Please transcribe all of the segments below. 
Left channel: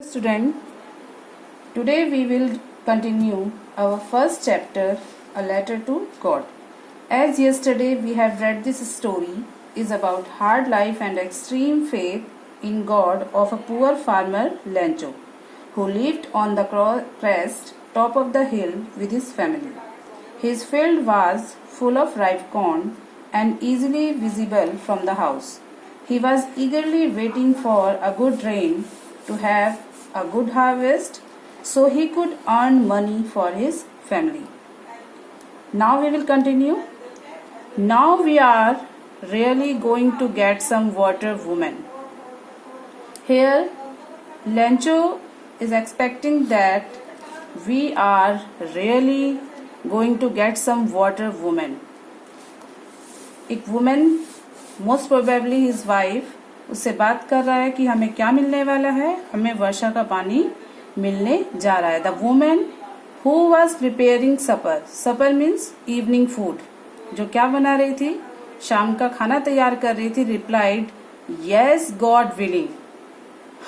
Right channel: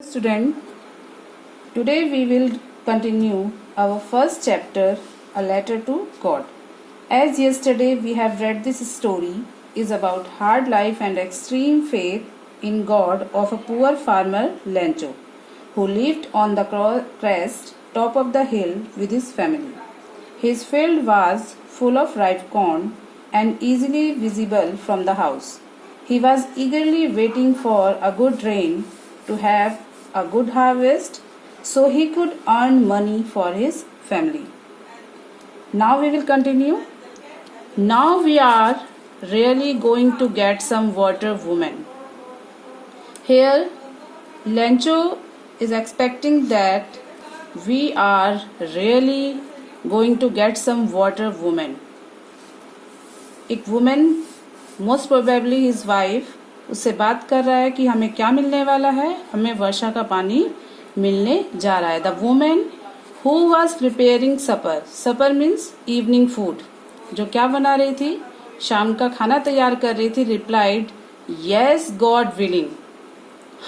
Student, today we will continue our first chapter, A Letter to God. As yesterday we have read, this story is about hard life and extreme faith in God of a poor farmer Lencho, who lived on the crest top of the hill with his family. His field was full of ripe corn and easily visible from the house. He was eagerly waiting for a good rain to have a good harvest so he could earn money for his family. Now we will continue. Now we are really going to get some water, woman. Here, Lencho is expecting that we are really going to get some water, woman. एक women, most probably his wife, उससे बात कर रहा है कि हमें क्या मिलने वाला है, हमें वर्षा का पानी मिलने जा रहा है. The women who was preparing supper, supper means evening food, जो क्या बना रही थी, शाम का खाना तैयार कर रही थी, रिप्लाइड यस गॉड विलिंग,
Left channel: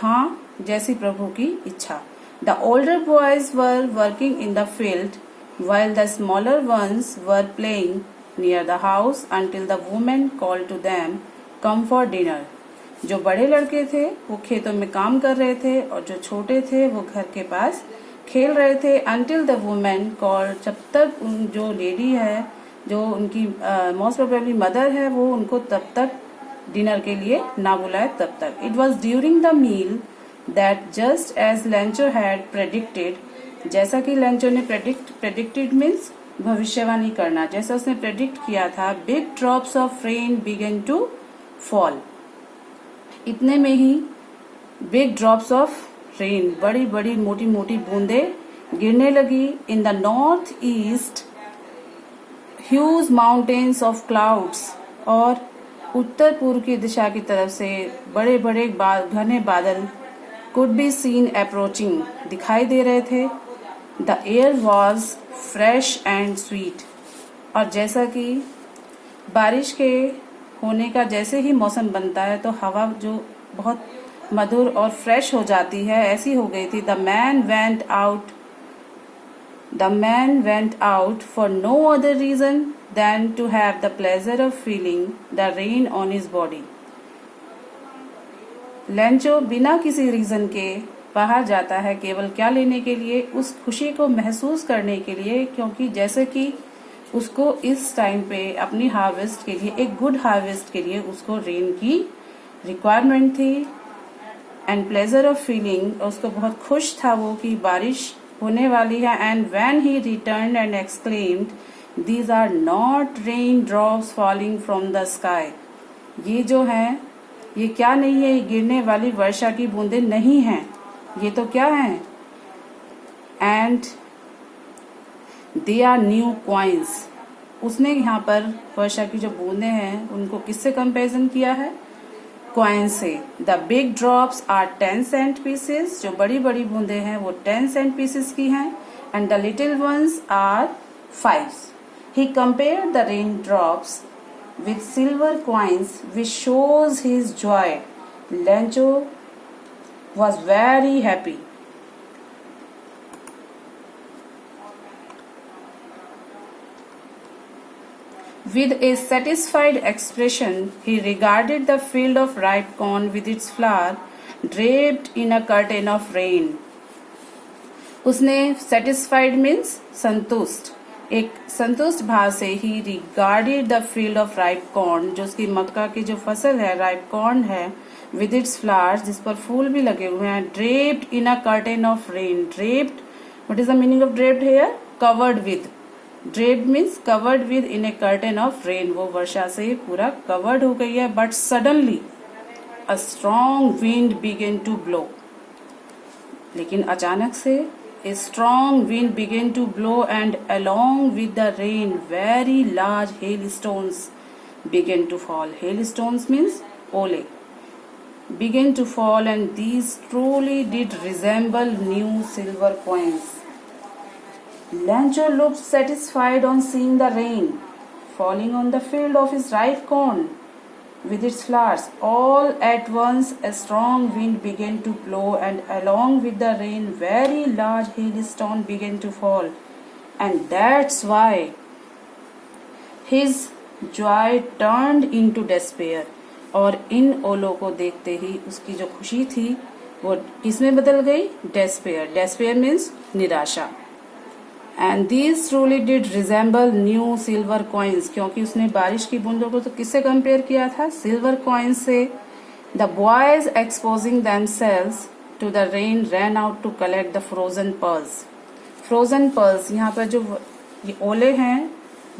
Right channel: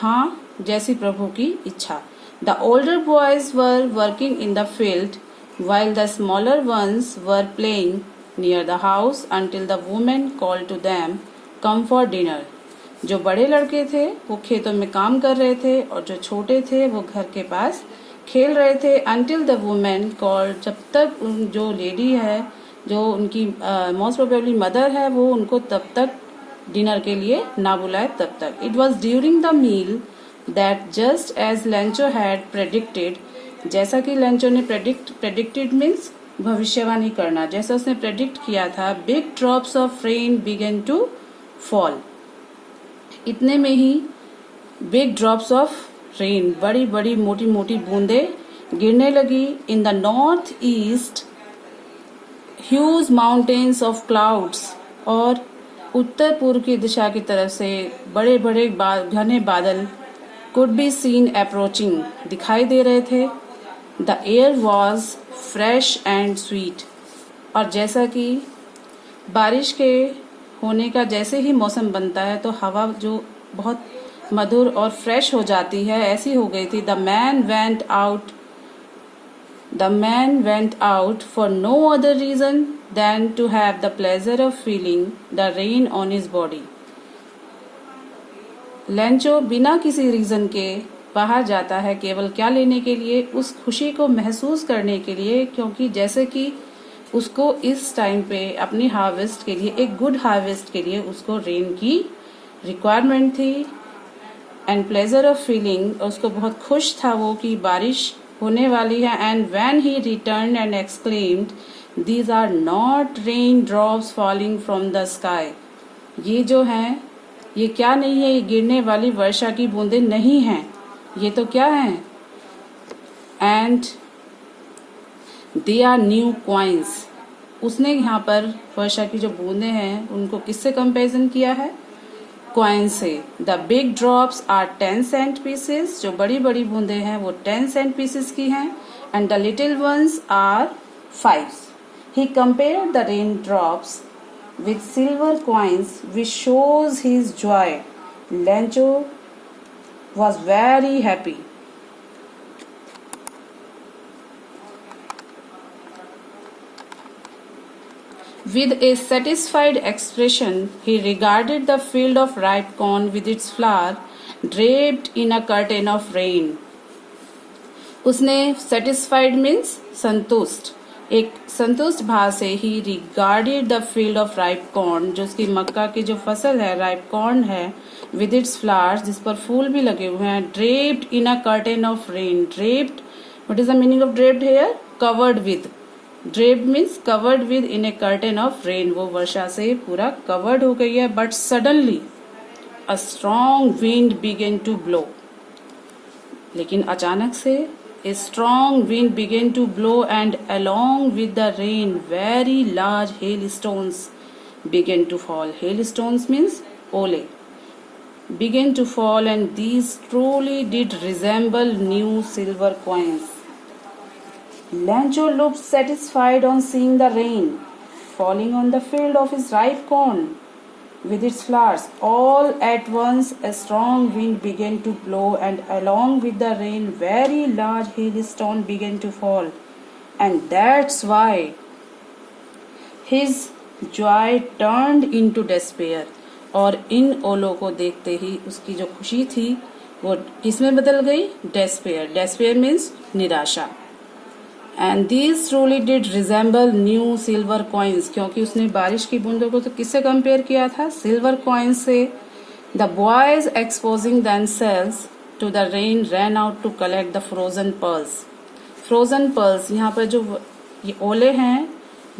हाँ जैसी प्रभु की इच्छा. The older boys were working in the field while the smaller ones were playing near the house until the woman called to them, come for dinner. जो बड़े लड़के थे वो खेतों में काम कर रहे थे और जो छोटे थे वो घर के पास खेल रहे थे. until the woman called, जब तक जो लेडी है, जो उनकी मोस्ट प्रोबेबली मदर है, वो उनको तब तक डिनर के लिए ना बुलाए तब तक. It was during the meal that just as Lencho had predicted, जैसा कि लेंचो ने प्रेडिक्टेड मीन्स भविष्यवाणी करना, जैसा उसने प्रेडिक्ट किया था, big drops of rain began to fall. इतने में ही बिग ड्रॉप्स ऑफ रेन, बड़ी बड़ी मोटी मोटी बूंदे गिरने लगी. In the north east huge mountains of clouds, और उत्तर पूर्व की दिशा की तरफ से बड़े बड़े घने बादल कुड बी सीन अप्रोचिंग, दिखाई दे रहे थे. The air was fresh and sweet, और जैसा कि बारिश के होने का जैसे ही मौसम बनता है तो हवा जो बहुत मधुर और फ्रेश हो जाती है, ऐसी हो गई थी. The man went out for no other reason than to have the pleasure of feeling the rain on his body. Lencho बिना किसी रीजन के बाहर जाता है, केवल क्या लेने के लिए, उस खुशी को महसूस करने के लिए, क्योंकि जैसे कि उसको इस टाइम पे अपनी हार्वेस्ट के लिए, एक गुड हार्वेस्ट के लिए उसको रेन की रिक्वायरमेंट थी. एंड प्लेजर ऑफ फीलिंग, उसको बहुत खुश था वो कि बारिश होने वाली है. And when he returned and exclaimed these are not rain drops falling from the sky, ये जो है ये क्या नहीं है, ये गिरने वाली वर्षा की बूंदें नहीं हैं, ये तो क्या है. And they are new coins, उसने यहाँ पर वर्षा की जो बूंदें हैं उनको किससे कंपेरिजन किया है, कॉइन से. The big drops are 10 cent pieces, जो बड़ी बड़ी बूंदें हैं वो 10 सेंट पीसेस की हैं. And the little ones are 5. He compared the rain drops with silver coins, which shows his joy. Lencho was very happy. With a satisfied expression, he regarded the field of ripe corn with its flower draped in a curtain of rain. उसने satisfied means संतुष्ट, एक संतुष्ट भाव से ही regarded the field of ripe corn, जो उसकी मक्का की जो फसल है, राइप कॉर्न है, विद इट्स फ्लावर्स, जिस पर फूल भी लगे हुए हैं, draped in a curtain of rain. Draped, what is the meaning of draped here, covered with. Draped means covered with in a curtain of rain, वो वर्षा से पूरा कवर्ड हो गई है. But suddenly a strong wind begin to blow, लेकिन अचानक से a strong wind began to blow, and along with the rain very large hailstones began to fall. Hailstones means ole. Began to fall, and these truly did resemble new silver coins. Lencho looked satisfied on seeing the rain falling on the field of his ripe corn. with its flowers. All at once a strong wind began to blow, and along with the rain very large hailstones began to fall. And that's why his joy turned into despair. और इन ओलों को देखते ही उसकी जो खुशी थी वो किसमें बदल गई? डेस्पेयर. डेस्पेयर मीन्स निराशा. And these truly did resemble new silver coins, क्योंकि उसने बारिश की बूंदों को तो किससे कंपेयर किया था? सिल्वर कॉइन्स से. The boys exposing themselves to the rain ran out to collect the frozen pearls. Frozen pearls, यहाँ पर जो ये ओले हैं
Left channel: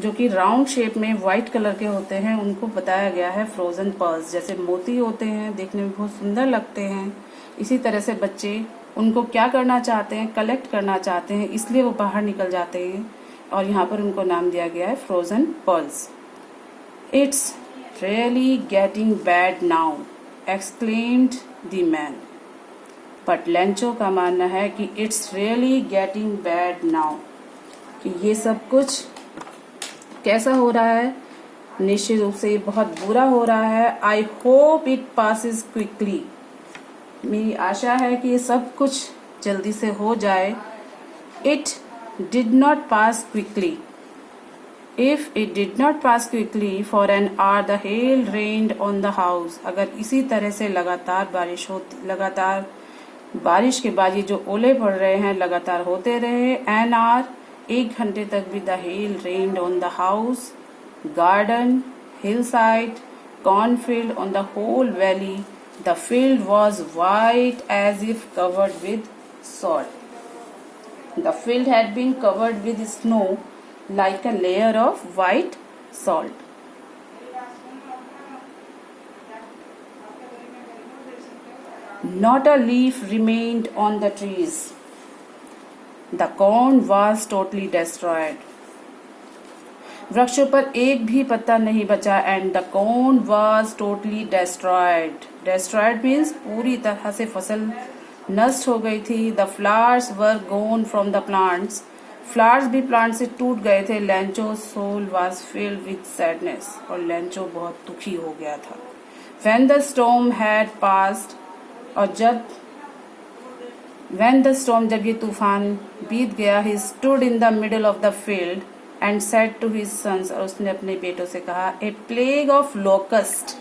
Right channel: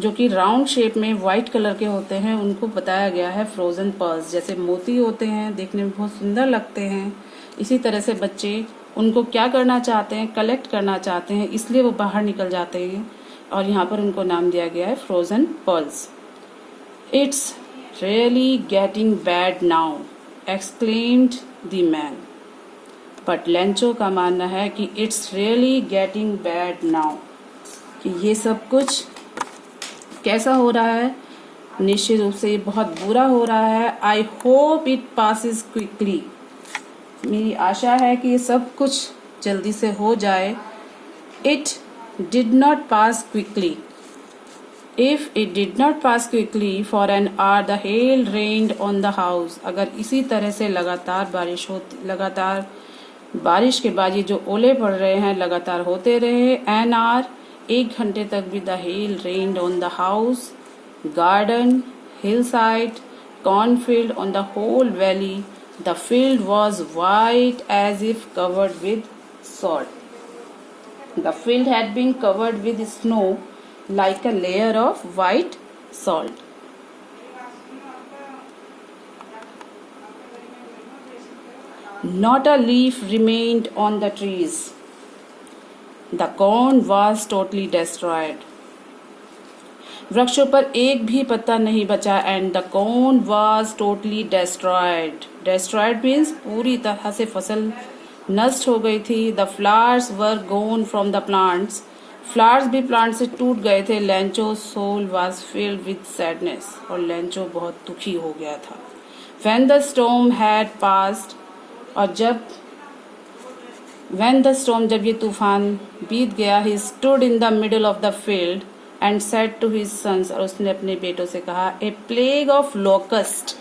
जो कि राउंड शेप में व्हाइट कलर के होते हैं, उनको बताया गया है फ्रोजन पर्ल्स. जैसे मोती होते हैं, देखने में बहुत सुंदर लगते हैं, इसी तरह से बच्चे उनको क्या करना चाहते हैं? कलेक्ट करना चाहते हैं, इसलिए वो बाहर निकल जाते हैं और यहाँ पर उनको नाम दिया गया है frozen pearls. It's really getting bad now, exclaimed the man. But Lencho का मानना है कि it's really getting bad now, कि ये सब कुछ कैसा हो रहा है? निश्चित रूप से ये बहुत बुरा हो रहा है. I hope it passes quickly, मेरी आशा है कि ये सब कुछ जल्दी से हो जाए. It did not pass quickly. If it did not pass quickly for an hour the hail rained on the house. अगर इसी तरह से लगातार बारिश के बाद ये जो ओले पड़ रहे हैं लगातार होते रहे, एन आवर 1 घंटे तक भी the hail rained on the house, garden, hill side, cornfield, on the whole valley. The field was white as if covered with salt. The field had been covered with snow like a layer of white salt. Not a leaf remained on the trees. The corn was totally destroyed. वृक्षों पर एक भी पत्ता नहीं बचा. And the corn was totally destroyed. Destroyed means पूरी तरह से फसल नष्ट हो गई थी. The flowers were gone from the plants. Flowers भी प्लांट से टूट गए थे. Lencho soul was filled with sadness, और लेंचो बहुत दुखी हो गया था. When the storm had passed, और जब ये तूफान बीत गया, he stood in the middle of the field and said to his sons, और उसने अपने बेटों से कहा, a plague of locust.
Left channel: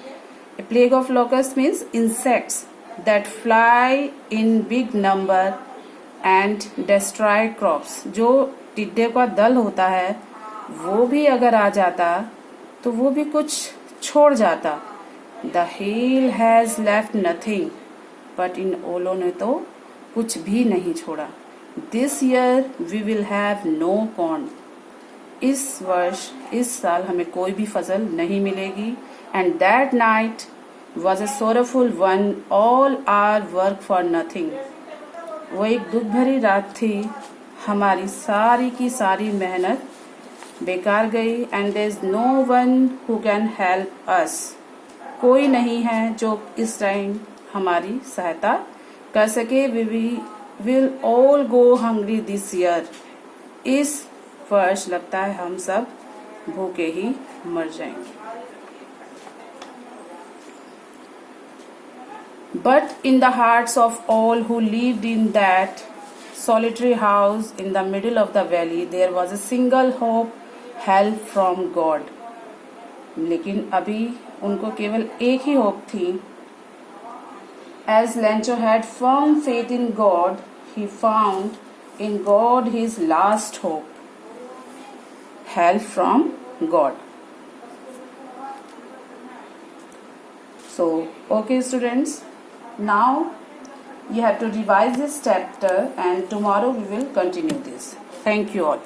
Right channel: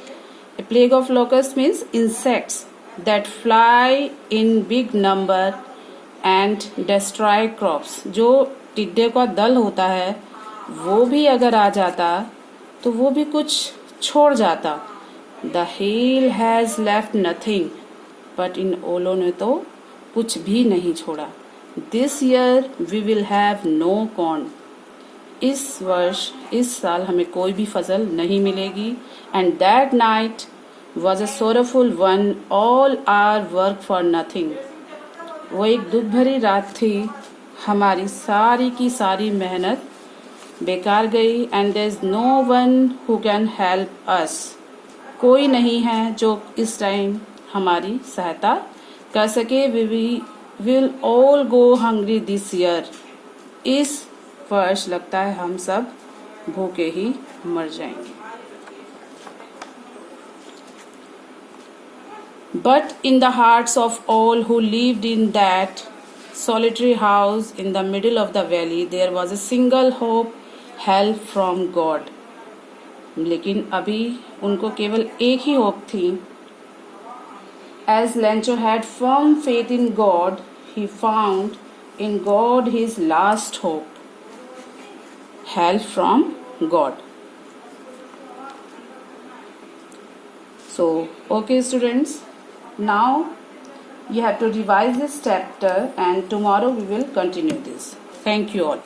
A plague of locust means insects that fly in big number and destroy crops. जो टिड्डे का दल होता है वो भी अगर आ जाता तो वो भी कुछ छोड़ जाता. The hail has left nothing, but इन ओलों ने तो कुछ भी नहीं छोड़ा. This year we will have no corn. इस साल हमें कोई भी फसल नहीं मिलेगी. And that night was a sorrowful one, all our work for nothing. वो एक दुख भरी रात थी, हमारी सारी की सारी मेहनत बेकार गई. And there is no one who can help us. कोई नहीं है जो इस टाइम हमारी सहायता कर सके. We will all go hungry this year. इस वर्ष लगता है हम सब भूखे ही मर जाएंगे. But in the hearts of all who lived in that solitary house in the middle of the valley, there was a single hope, help from God. लेकिन अभी उनको केवल एक ही होप थी. As Lencho had firm faith in God, he found in God his last hope. Help from God. So, okay students, now you have to revise this chapter and tomorrow we will continue this. Thank you all.